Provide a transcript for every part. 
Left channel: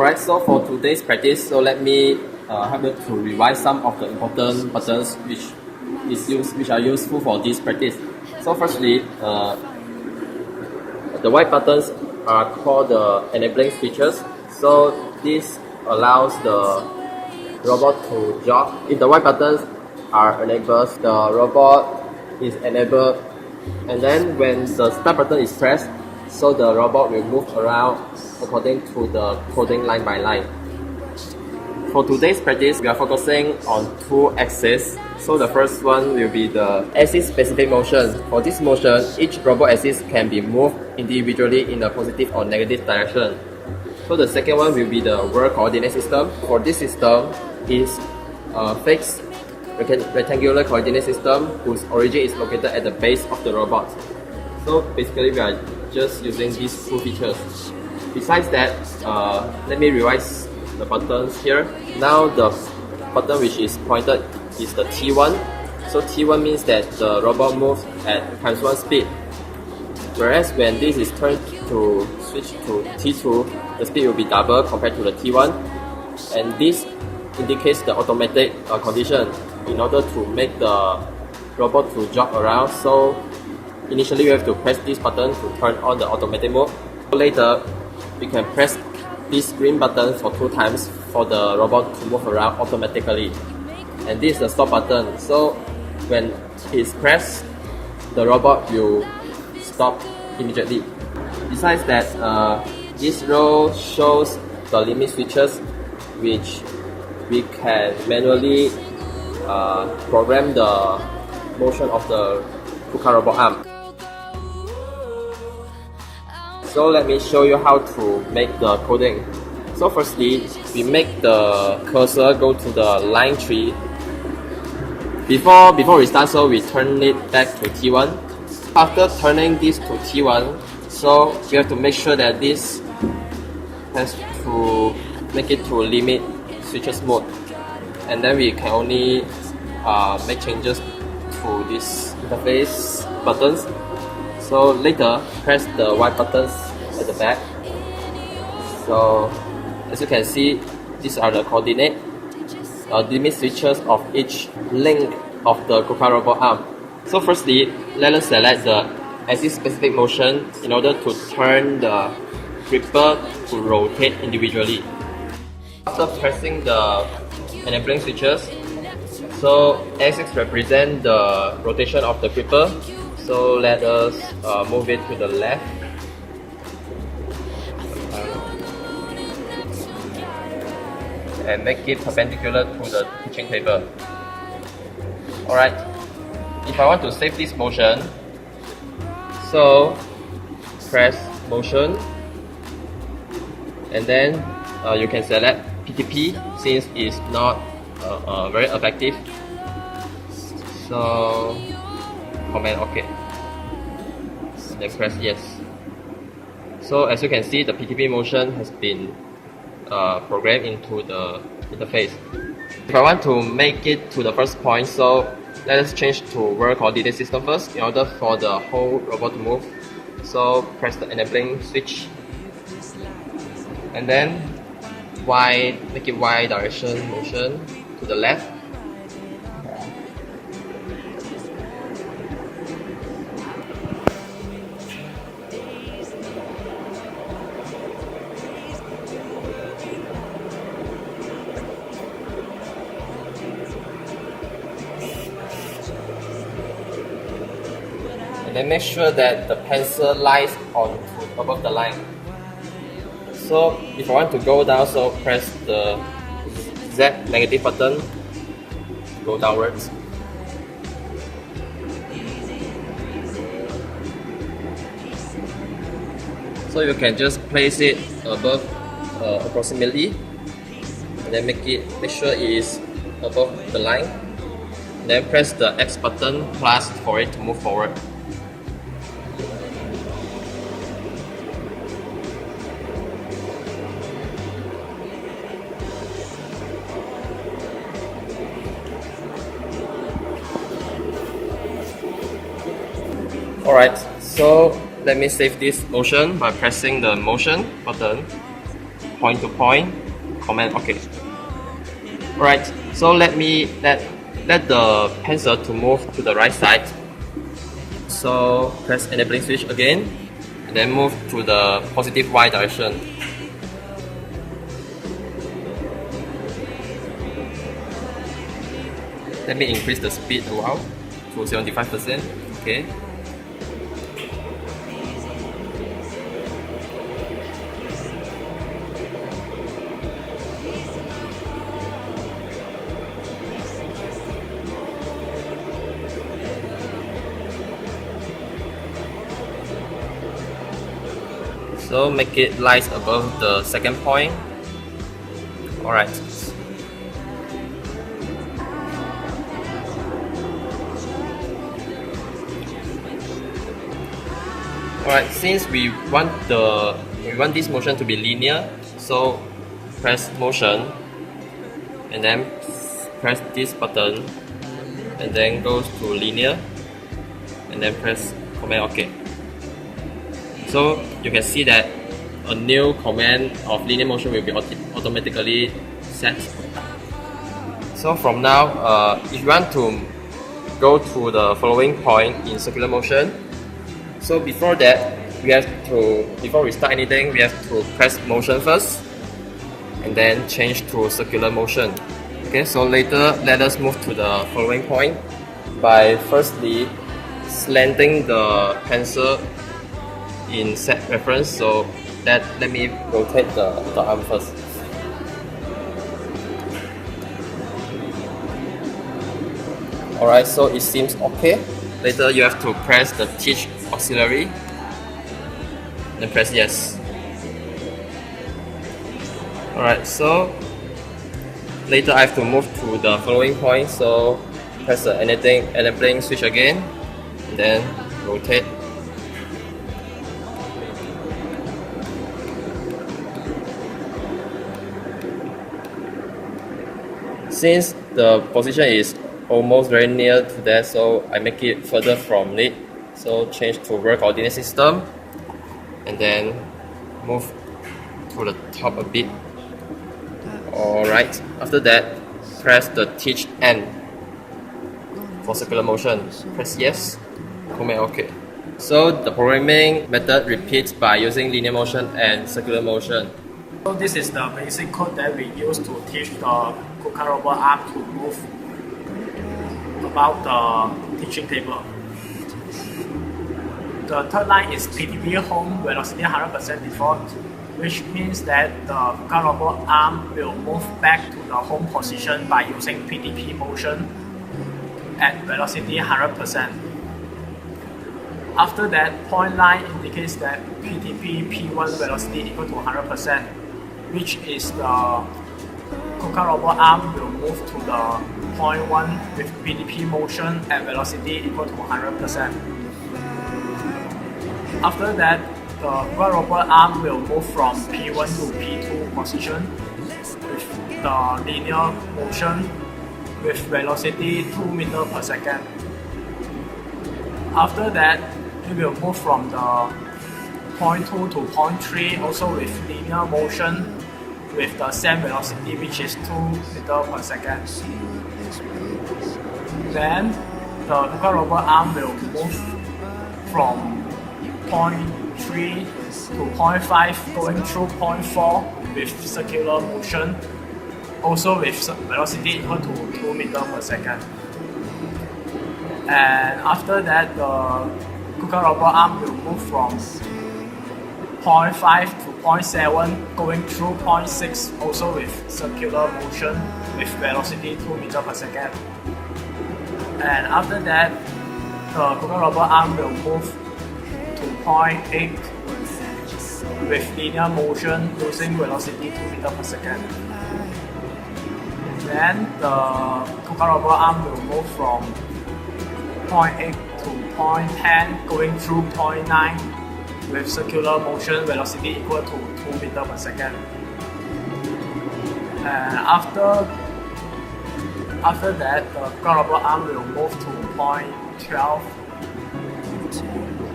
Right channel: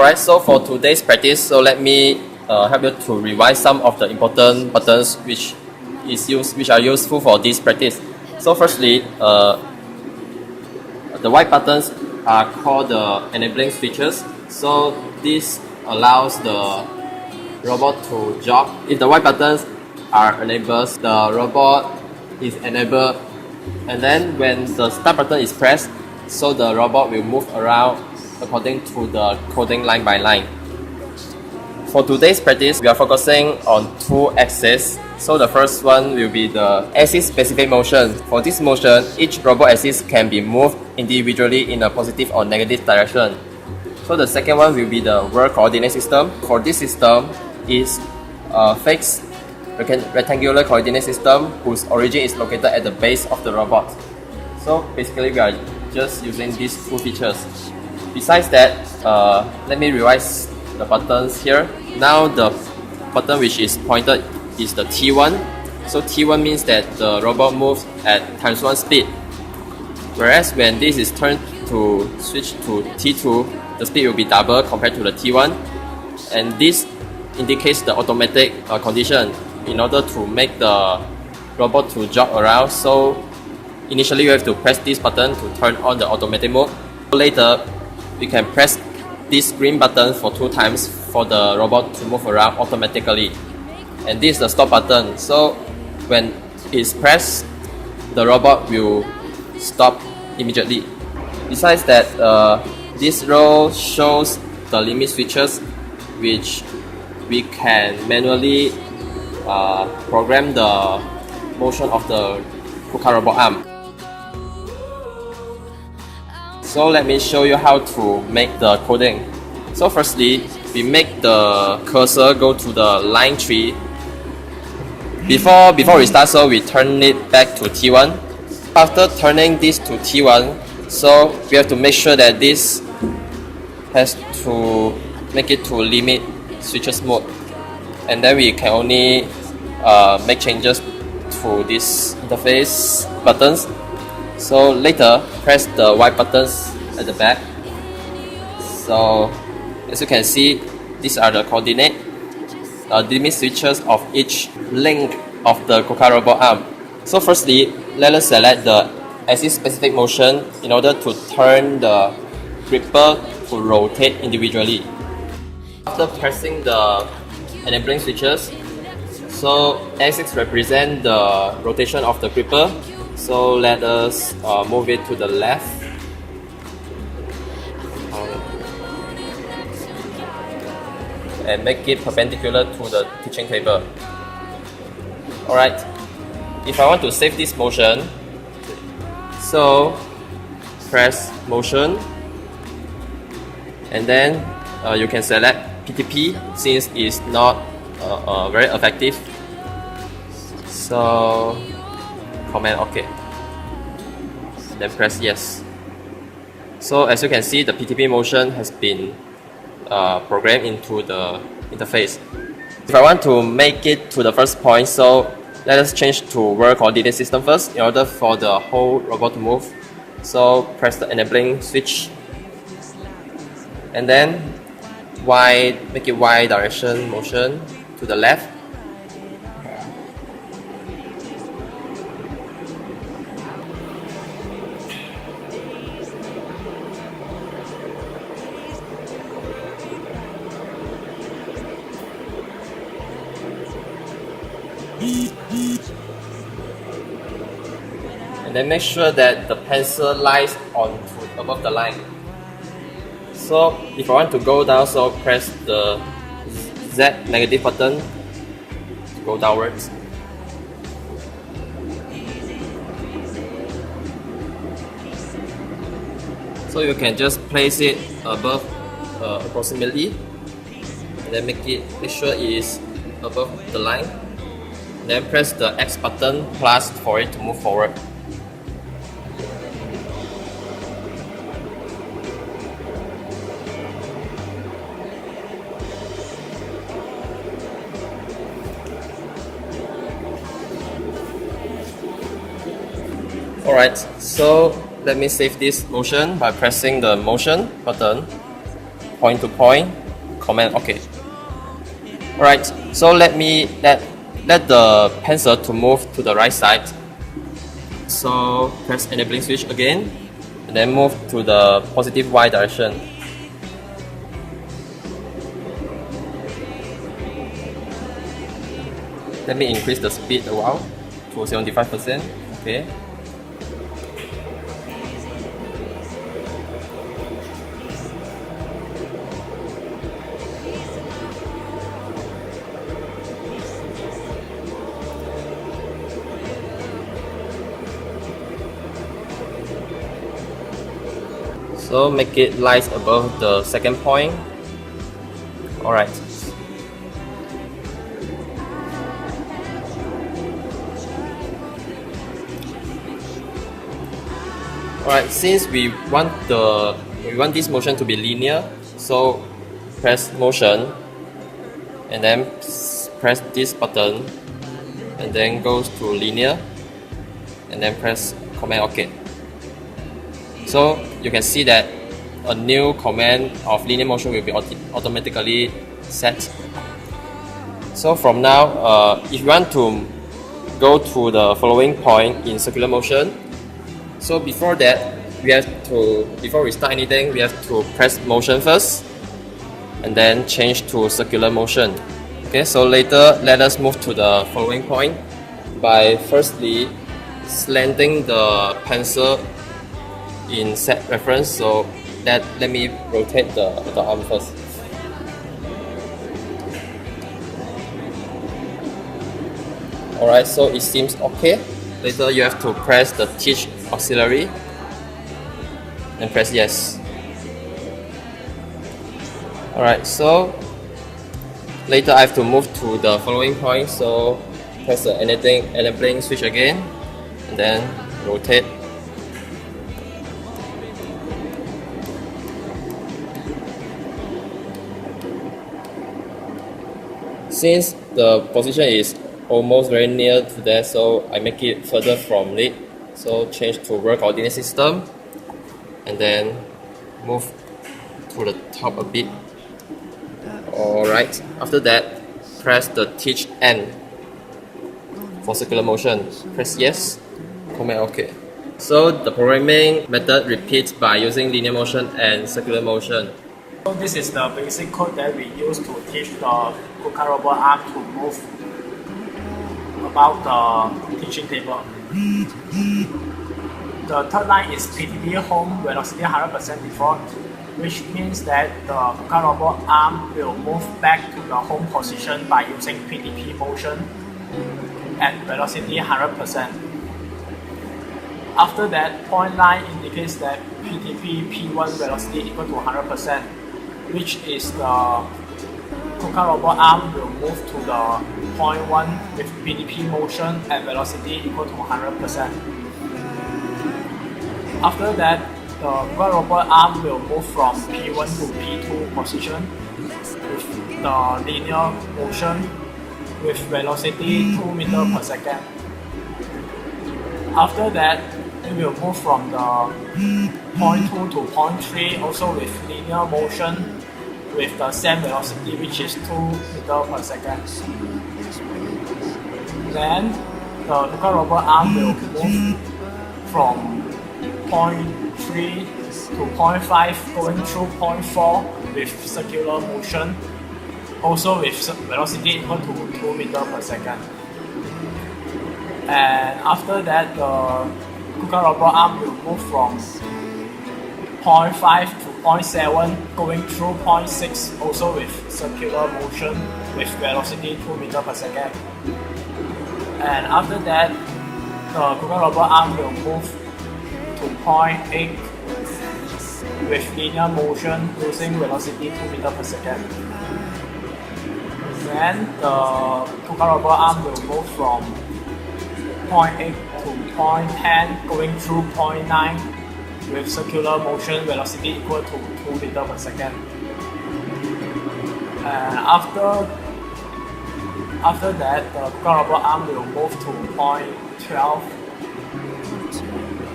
Alright, so for today's practice, so let me help you to revise some of the important buttons which are useful for this practice. So firstly, the white buttons are called the enabling switches. So this allows the robot to jog. If the white buttons are enabled, the robot is enabled, and then when the start button is pressed, so the robot will move around according to the coding line by line. For today's practice, we are focusing on two axes. So the first one will be the axis specific motion. For this motion, each robot axis can be moved individually in a positive or negative direction. So the second one will be the world coordinate system. For this system is a fixed rectangular coordinate system whose origin is located at the base of the robot. So basically we are just using these two features. Besides that, let me revise the buttons here. Now the button which is pointed is the T1. So T1 means that the robot moves at ×1 speed. Whereas when this is turned to switch to T2, the speed will be double compared to the T1. And this indicates the automatic condition in order to make the robot to jog around. So initially you have to press this button to turn on the automatic mode. Later, we can press this green button for 2 times for the robot to move around automatically. And this is the stop button. So when it's pressed, the robot will stop immediately. Besides that, this row shows the limit switches which we can manually program the motion of the KUKA robot arm. So let me show you how to make the coding. So firstly, we make the cursor go to the line 3. Before we start, so we turn it back to T1. After turning this to T1, so we have to make sure that this has to make it to limit switches mode. And then we can only make changes to this interface buttons. So later, press the white buttons at the back. So as you can see, these are the coordinate limit switches of each link of the KUKA robot arm. So firstly, let us select the axis specific motion in order to turn the gripper to rotate individually. After pressing the enabling switches, so axis represent the rotation of the gripper. So let us move it to the left. And make it perpendicular to the teaching table. Alright, if I want to save this motion, so press motion, and then you can select PTP since it's not very effective. So comment OK, then press yes. So as you can see, the PTP motion has been programmed into the interface. If I want to make it to the first point, so let us change to world coordinate system first in order for the whole robot to move. So press the enabling switch, and then make it Y direction motion to the left. And then make sure that the pencil lies above the line. So if I want to go down, so press the Z negative button to go downwards. So you can just place it above approximately, and then make sure it is above the line. Then press the X button plus for it to move forward. Alright, so let me save this motion by pressing the motion button. point to point, command OK. Alright, so let the pencil to move to the right side. So press enabling switch again, and then move to the positive Y direction. Let me increase the speed a while to 75%. Okay. So make it light above the second point. Alright. Alright, since we want this motion to be linear, so press motion and then press this button and then goes to linear and then press command OK. So you can see that a new command of linear motion will be automatically set. So from now, if you want to go to the following point in circular motion, so before that, before we start anything, we have to press motion first and then change to circular motion. Okay, so later let us move to the following point by firstly slanting the pencil in set reference. So let me rotate the arm first. Alright, so it seems okay. Later you have to press the teach auxiliary and press yes. Alright, so later I have to move to the following point, so press the enabling switch again and then rotate. Since the position is almost very near to that, so I make it further from it. So change to world coordinate system and then move to the top a bit. Alright, after that press the teach end for circular motion. Press yes, command OK. So the programming method repeats by using linear motion and circular motion. So this is the basic code that we use to teach the KUKA robot arm to move about the teaching table. The third line is PTP home velocity 100% default, which means that the KUKA robot arm will move back to the home position by using PTP motion at velocity 100%. After that, point line indicates that PTP P1 velocity equal to 100%, which is the KUKA robot arm will move to the point 1 with PTP motion at velocity equal to 100%. After that, the KUKA robot arm will move from P1 to P2 position with the linear motion with velocity 2 meters per second. After that, it will move from the point 2 to point 3 also with linear motion with the same velocity, which is 2 meters per second. Then the KUKA robot arm will move from point 3 to point 5 going through point 4 with circular motion also with velocity equal to 2 meters per second. And after that, the KUKA robot arm will move from point 5 to point 7 going through point 6 also with circular motion with velocity 2 meters per second. And after that, the KUKA robot arm will move to point 8 with linear motion using velocity 2 meters per second. Then the KUKA robot arm will move from point 8 to point 10 going through point 9 with circular motion velocity equal to 2 meters per second. And after that, the KUKA robot arm will move to point 12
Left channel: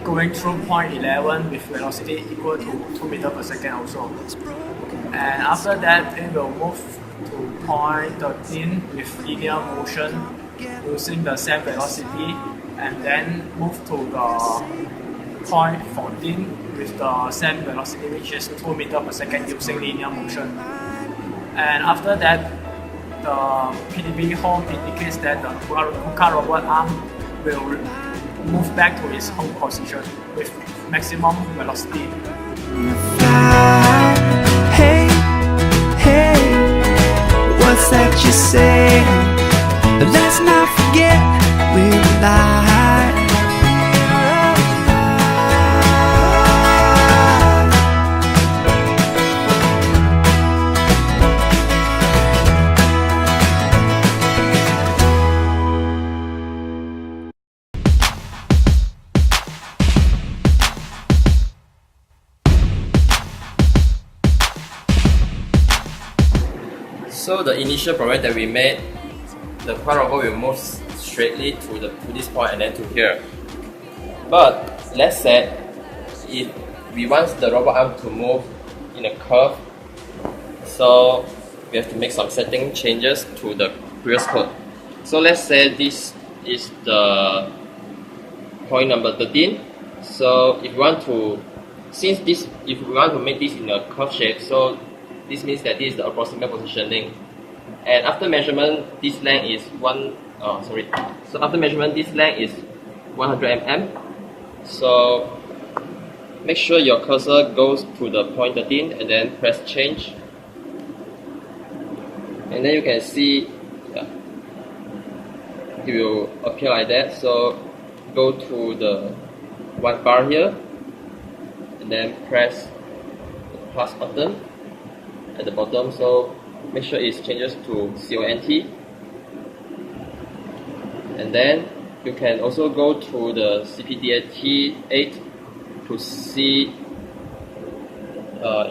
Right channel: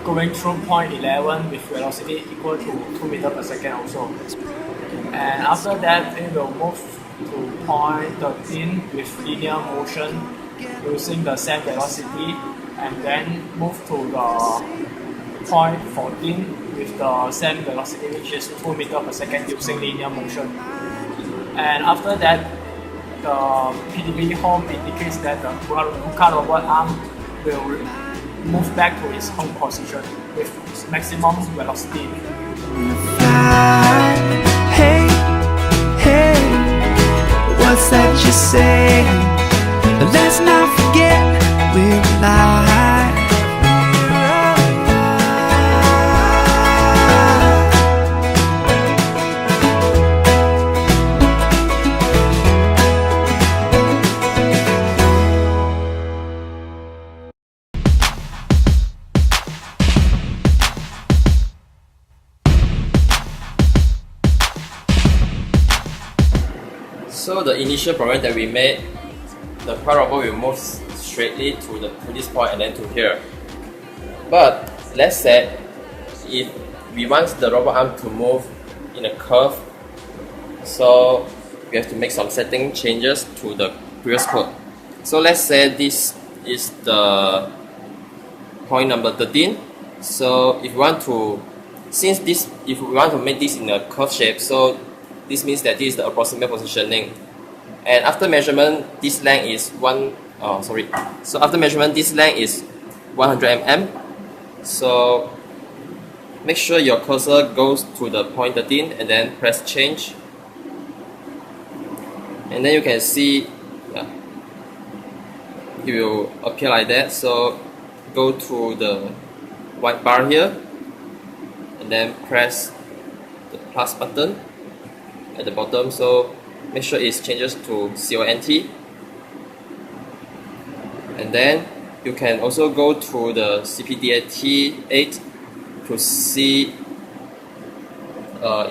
going through point 11 with velocity equal to 2 meters per second also. And after that, it will move to point 13 with linear motion using the same velocity, and then move to the point 14 with the same velocity, which is 2 meters per second using linear motion. And after that, the PDB home indicates that the KUKA robot arm will move back to its home position with maximum velocity. Hey, hey, what's that you say? Let's not forget we're alive. So the initial program that we made, the KUKA robot will move straightly to this point and then to here. But let's say if we want the robot arm to move in a curve, so we have to make some setting changes to the previous code. So let's say this is the point number 13. So if we want to, if we want to make this in a curve shape, so this means that this is the approximate positioning. And after measurement, this length is So after measurement, this length is 100 mm. So make sure your cursor goes to the point 13 and then press change. And then you can see it will appear like that. So go to the white bar here and then press the plus button at the bottom, so make sure it changes to CONT. And then you can also go to the CPDAT8 to see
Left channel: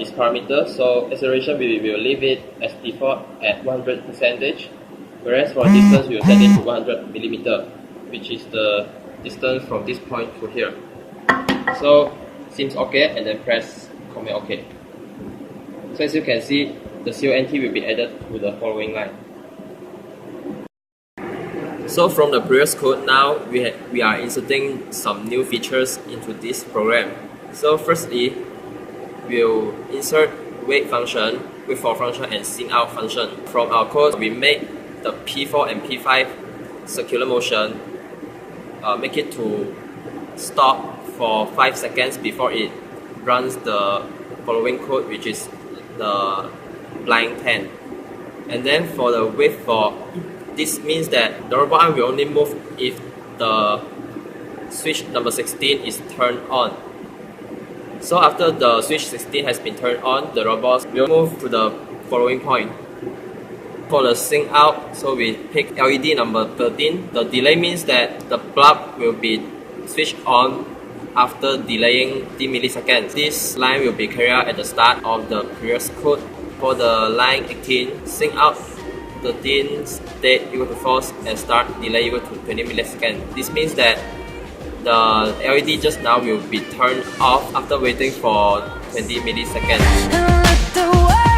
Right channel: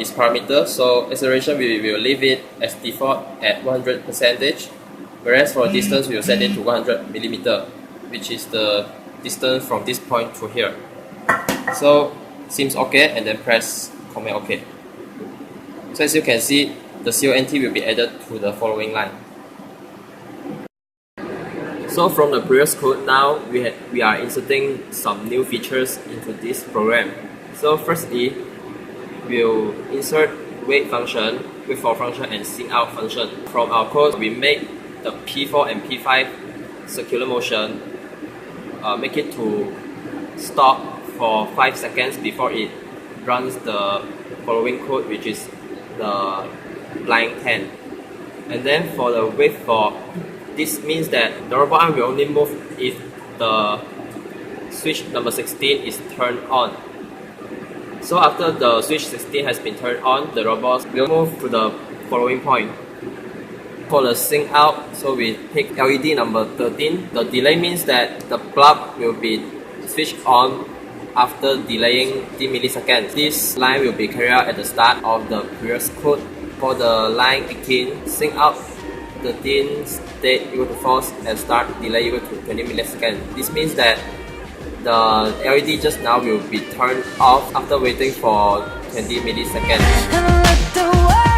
its parameter. So acceleration we will leave it as default at 100%, whereas for distance we will set it to 100 mm, which is the distance from this point to here. So seems okay, and then press comment OK. So as you can see, the CONT will be added to the following line. So from the previous code, now we are inserting some new features into this program. So firstly, we'll insert wait function, wait for function, and SYN out function. From our code, we make the P4 and P5 circular motion, make it to stop for 5 seconds before it runs the following code, which is the line 10. And then for the wait for, this means that the robot arm will only move if the switch number 16 is turned on. So after the switch 16 has been turned on, the robot will move to the following point. For the SYN out, so we pick LED number 13. The delay means that the bulb will be switched on after delaying 10 milliseconds. This line will be carried out at the start of the previous code. For the line 18, SYN out 13 state equal to false and start delay equal to 20 milliseconds. This means that the LED just now will be turned off after waiting for 20 milliseconds.